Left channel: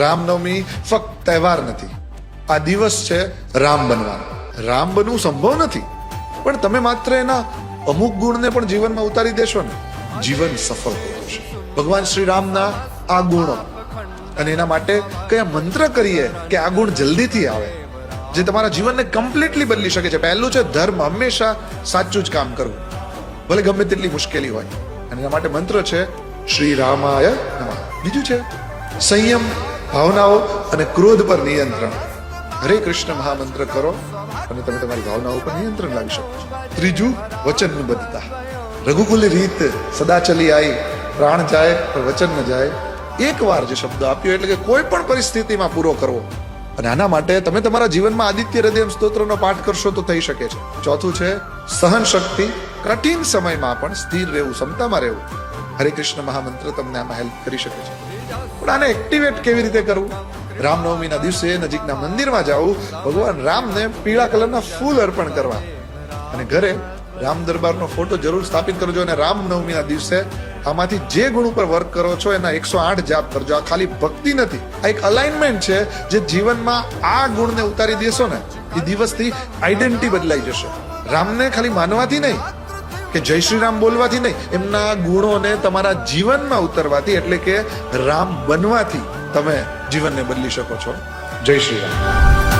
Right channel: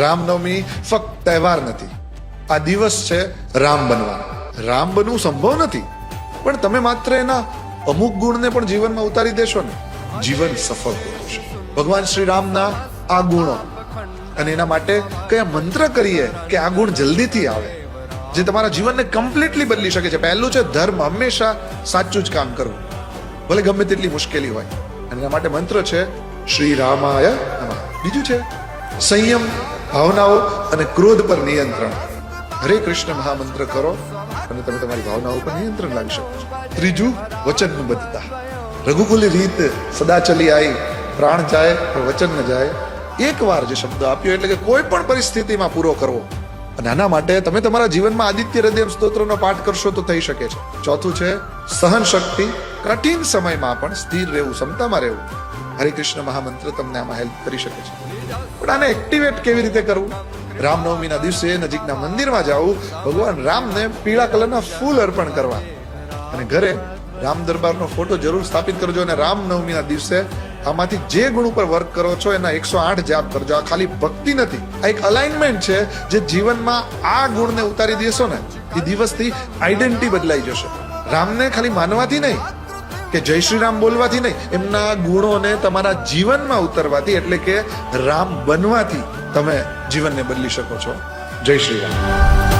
રામનવમી ફક્ત તહેવાર નથી, આ દિવસ છે રામ બનવાનો. રામ બનવું સંભવ નથી, પણ તમે માત્ર એના અમુક ગુણને પણ જીવનમાં ઉતારી દેશો ને, જીવન સફળ થશે. ભગવાન શ્રી રામના આ ગુણો, અને એના માટે કયા મંત્ર કરીએ કે આ ગુણ જલ્દીથી આવે, જે તમારા જીવનને કમ્પ્લીટલી બદલી શકે છે. પહેલું છે ધર્મ, હંમેશા સાચું જ કામ કરવું, ભલે ગમે તેટલી મુશ્કેલી હોય. અને એના માટે મંત્ર છે શ્રી રામાય નમઃ. બીજું છે સંયમ, ભાવનાઓ અને ક્રોધ પર નિયંત્રણ. હરે કૃષ્ણ મહામંત્ર કરો અને તમે તમારી ભાવનાઓ પર નિયંત્રણ લાવી શકો છો. ત્રીજું વચનબદ્ધતા. રઘુકુલ રીતે સદા ચલી આવી, પ્રાણ જાય પણ વચન ન જાય. એક વાર જે શબ્દ આપ્યો એટલે કે કોઈ પણ પરિસ્થિતિમાં પૂરો કરવો. અને આના માટે તમે તમારા જીવનમાં આદિત્ય હૃદય સ્તોત્રનો પાઠ કરશો તો થઈ શકે છે. ચોથું છે સહન શક્તિ. કઠિન સમયમાં પણ સ્થિર રહેવું, ક્ષમતામાં રહેવું. હરે કૃષ્ણ મહામંત્ર તમને આમાં હેલ્પ કરી શકે છે. પણ આને એક્ટિવેટ કેવી રીતે કરવું? રામનવમીના દિવસે નજીકના મંદિરમાં જવું, ભગવાન રામને પીળા કલરના ફૂલ અર્પણ કરવા, અને ઘરે રામ દરબારનો ફોટો જરૂર સ્થાપિત કરજો. અને રામનવમીના દિવસે આમાંથી જે ગુણ ઉપર વર્ક કરો છો એના 108 જાપ કરજો. આ ખાલી ભક્તિ નથી, આ એક અલાઇનમેન્ટ છે. જે જીવનમાં આ ગુણને ઉતારી દેશો ને, એ દિવસથી આઈડેન્ટિટી બદલાઈ જશે. રામને ખાલી માનવાથી નહીં કે જય શ્રી રામ બોલવાથી નહીં, એમના ગુણોને તમારા જીવનમાં ઉતરવાથી, એટલે કે રામ બનવાથી તમે જીવનને બદલી શકો છો. જય શ્રી રામ.